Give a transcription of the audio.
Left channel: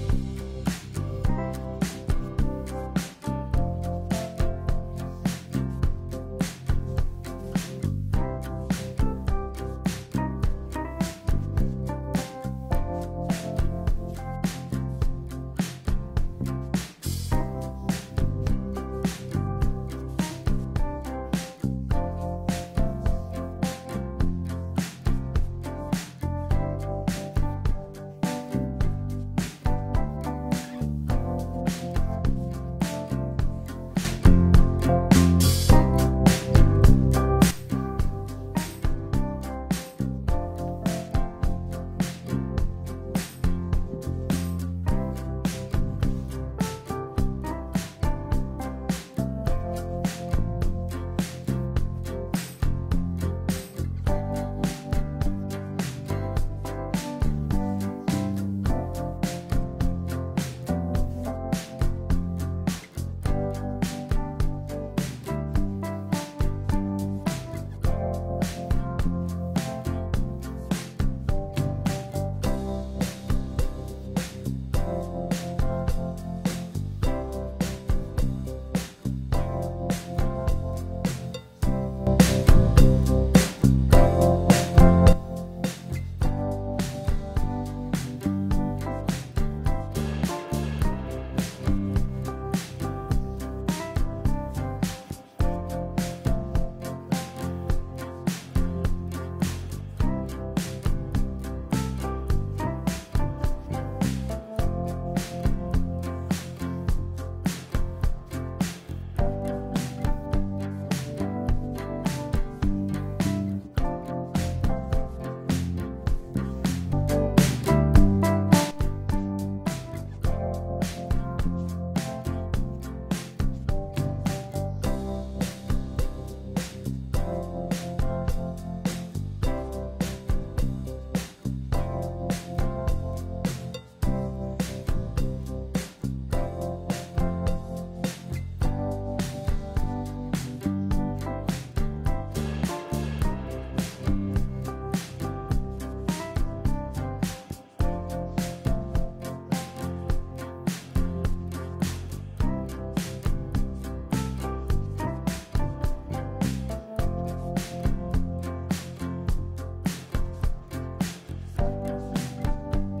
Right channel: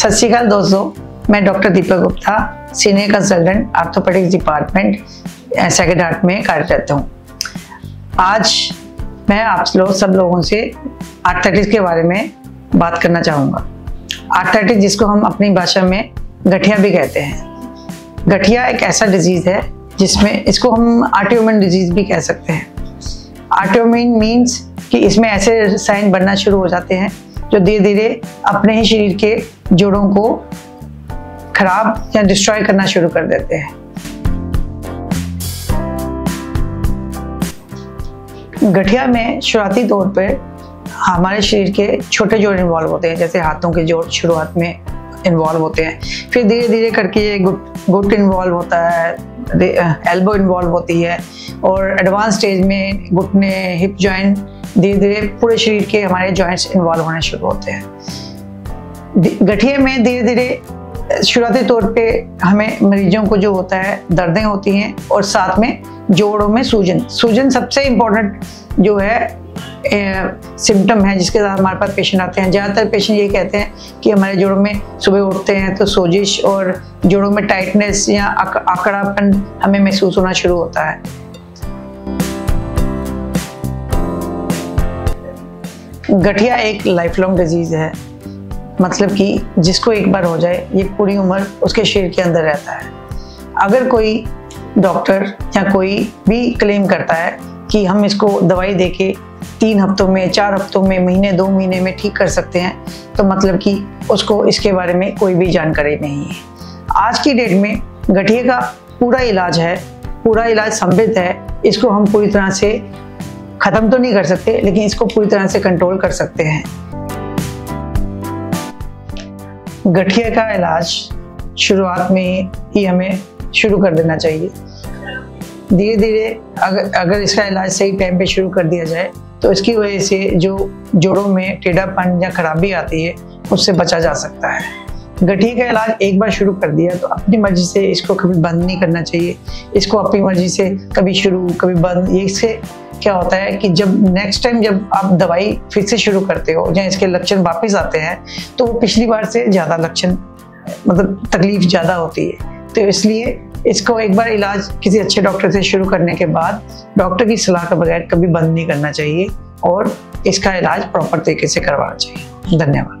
सत श्री अकाल दोस्तों, मैं doctor Deepak Gupta, senior consultant orthopaedics department Sacred Heart में कार्यरत हूँ। आज मैं आप सब लोगों से आर्थराइटिस के बारे में बात करना चाहूँगा। आर्थराइटिस, जिसको हम अपनी भाषा में गठिया भी कहते हैं। गठिया एक ऐसा डिजीज़ है जिसमें इसको हम ऑटोइम्यून डिजीज़ भी कह सकते हैं। ऑटोइम्यून मीन्स कि इसमें ऐसे साइन बनना शुरू हो जाते हैं जो धीरे धीरे अपने ही शरीर के जोड़ों को खराब या डिस्ट्रॉय करना शुरू कर देते हैं। गठिया में शुरुआती तौर पर हमारे शरीर के छोटे जोड़ इन्वॉल्व होते हैं, जैसे हाथों के जोड़ शुरुआत में इन्वॉल्व होते हैं। फिर धीरे धीरे करके ये घुट इन्वॉल्व होता है, एल्बो इन्वॉल्व होती है, और एडवांस स्टेज में घुटने, हिप जॉइंट, धीरे धीरे पूरे शरीर के हमारे जॉइंट्स इन्वॉल्व होने शुरू होते हैं। गठिया में धीरे धीरे शुरुआती तौर पे हमें मरीजों को जो होता है दर्दें होती हैं, और साथ में जोड़ों में सूजन सबसे इम्पोर्टेंट जो है सिम्टम है जिसके साथ हमारे पास पेशेंट आते हैं। ज़्यादातर पेशेंट ये कहते हैं कि हमारे जोड़ों में सुबह उठते हैं तो सोजिश और जोड़ों में टाइटनेस या आकड़ापन हमें महसूस होना शुरू होता है। गठिया एक लाइफ लॉन्ग डिजीज़ है, मतलब कि जिसको एक बार हो जाए ये पूरी उम्र उसके शरीर के अंदर रहता है। अगर कोई डॉक्टर या कोई भी क्लेम करता है कि हम इसको दवाई देके 3 हफ्तों में, 4 हफ्तों में, महीने 2 महीने में ठीक कर सकते हैं, तो मतलब कि उसको इसके बारे में कोई भी जानकारी नहीं है। आज की डेट में गठिया का पूरा इलाज है, पूरा इलाज संभव है। इसको हम पूरी तरह से ख़त्म तो नहीं कर सकते, लेकिन इसको पूरी तरह से कंट्रोल कर सकते हैं। गठिया का इलाज शुरुआत में ही हमें शुरू कर देना चाहिए। धीरे धीरे अगर इसका इलाज सही टाइम पे शुरू कर दिया जाए तो इसकी वजह से जो जोड़ों में टेढ़ापन या खराबी आती है उससे बचा जा सकता है। गठिया का इलाज एक बार शुरू कर दिया तो अपनी मर्जी से इसको कभी बंद नहीं करना चाहिए। इसको अपनी मर्जी से कभी शुरू कभी बंद, ये इससे क्या होता है कि जब नेक्स्ट टाइम जब आप दवाई फिर से शुरू करते हो या इसके लक्षण वापस आते हैं तो वो पिछली बार से ज़्यादा लक्षण, मतलब तकलीफ ज़्यादा होती है। तो इसलिए इसको एक बार इलाज किसी अच्छे डॉक्टर से शुरू करने के बाद डॉक्टर की सलाह के बगैर कभी बंद नहीं करना चाहिए, और इसका इलाज प्रॉपर तरीके से करवाना चाहिए। धन्यवाद।